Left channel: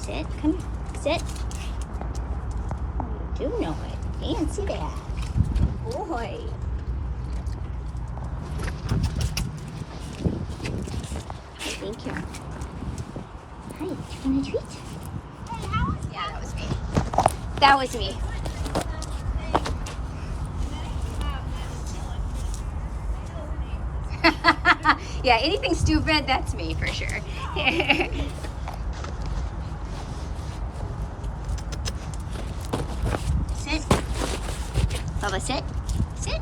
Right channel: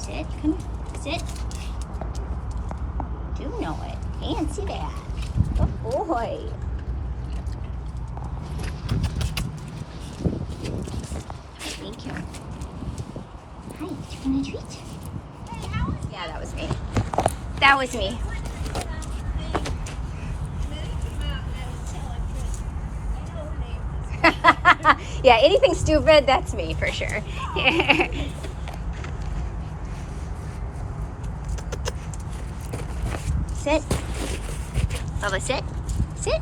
Sit. Come here. Sit. Oh, you do know it. Fancy that. Good boy. Thank you. Hi, did you want a treat? Yeah, that was me. That was me. Yeah, anything stupid, that's me for sure. Sit. Bubba, sit. Sit.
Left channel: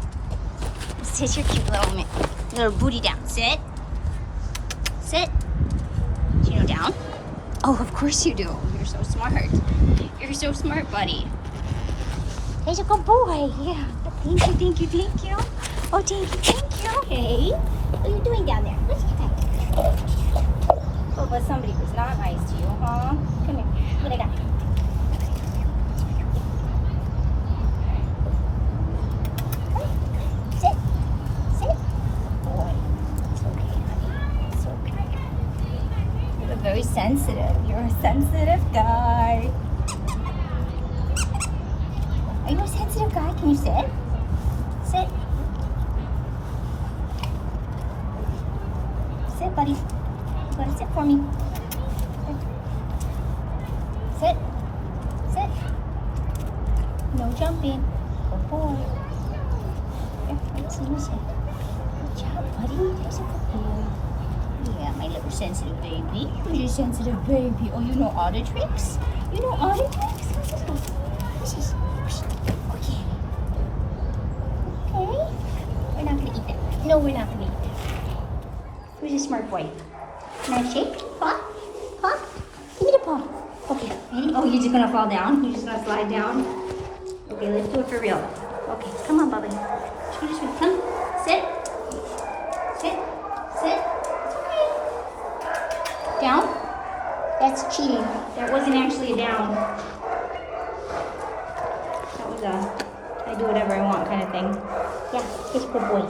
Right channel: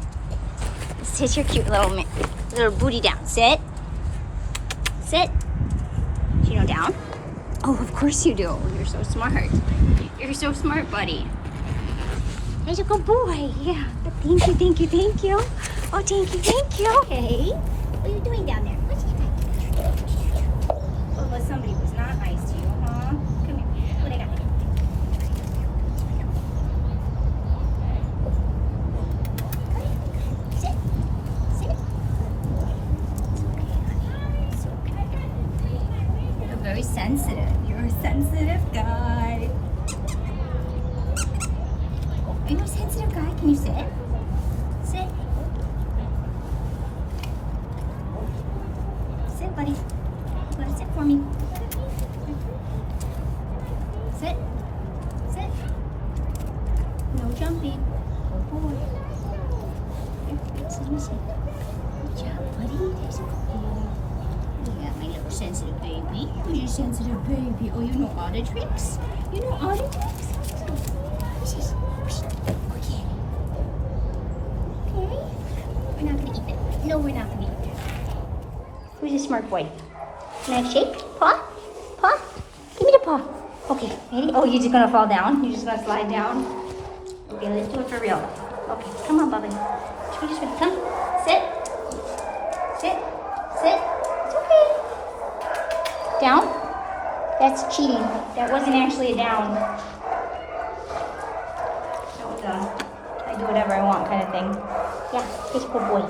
Sit your cute little booty down. Sit. Sit. Do you know down? Oh, of course you do. You're so smart. You're so smart, buddy. There's a good boy. Yeah. Thank you, thank you, thank you. Oh, thank you, thank you. Hey, what are you doing down there? What's that? Oh, but somebody was not nice to you, huh? Come here. What I got? Sit. Sit. Boy. It's okay, honey. It's okay. You're very sensitive. You're a sensitive guy. Are you a sensitive guy? Can you sit? Sit. Sit, buddy. Buddy, sit for me. Sit. Sit. No jumping. Good boy. Here, let's see what's that. Good job, buddy. There's a good boy. Yeah, my little sensitive baby. Who's your sensitive baby? Oh, you know all the tricks? You know all the tricks? What's this? Okay. Okay. We're not gonna eat that. No, we're not gonna eat that. Who's a smart boy? Can I shake? Paw? Paw? Give me the paw. Okay. Ready? Oh, you're just gonna fall down? You're just gonna slide down? Okay, let's do it for real. Okay, come on, Bubba. Come. Sit. Sit. Sit. It's okay. Down? That's cheating. That wasn't actually a down. That was a I do whatever I want kind of thing. Yeah, he's a good boy.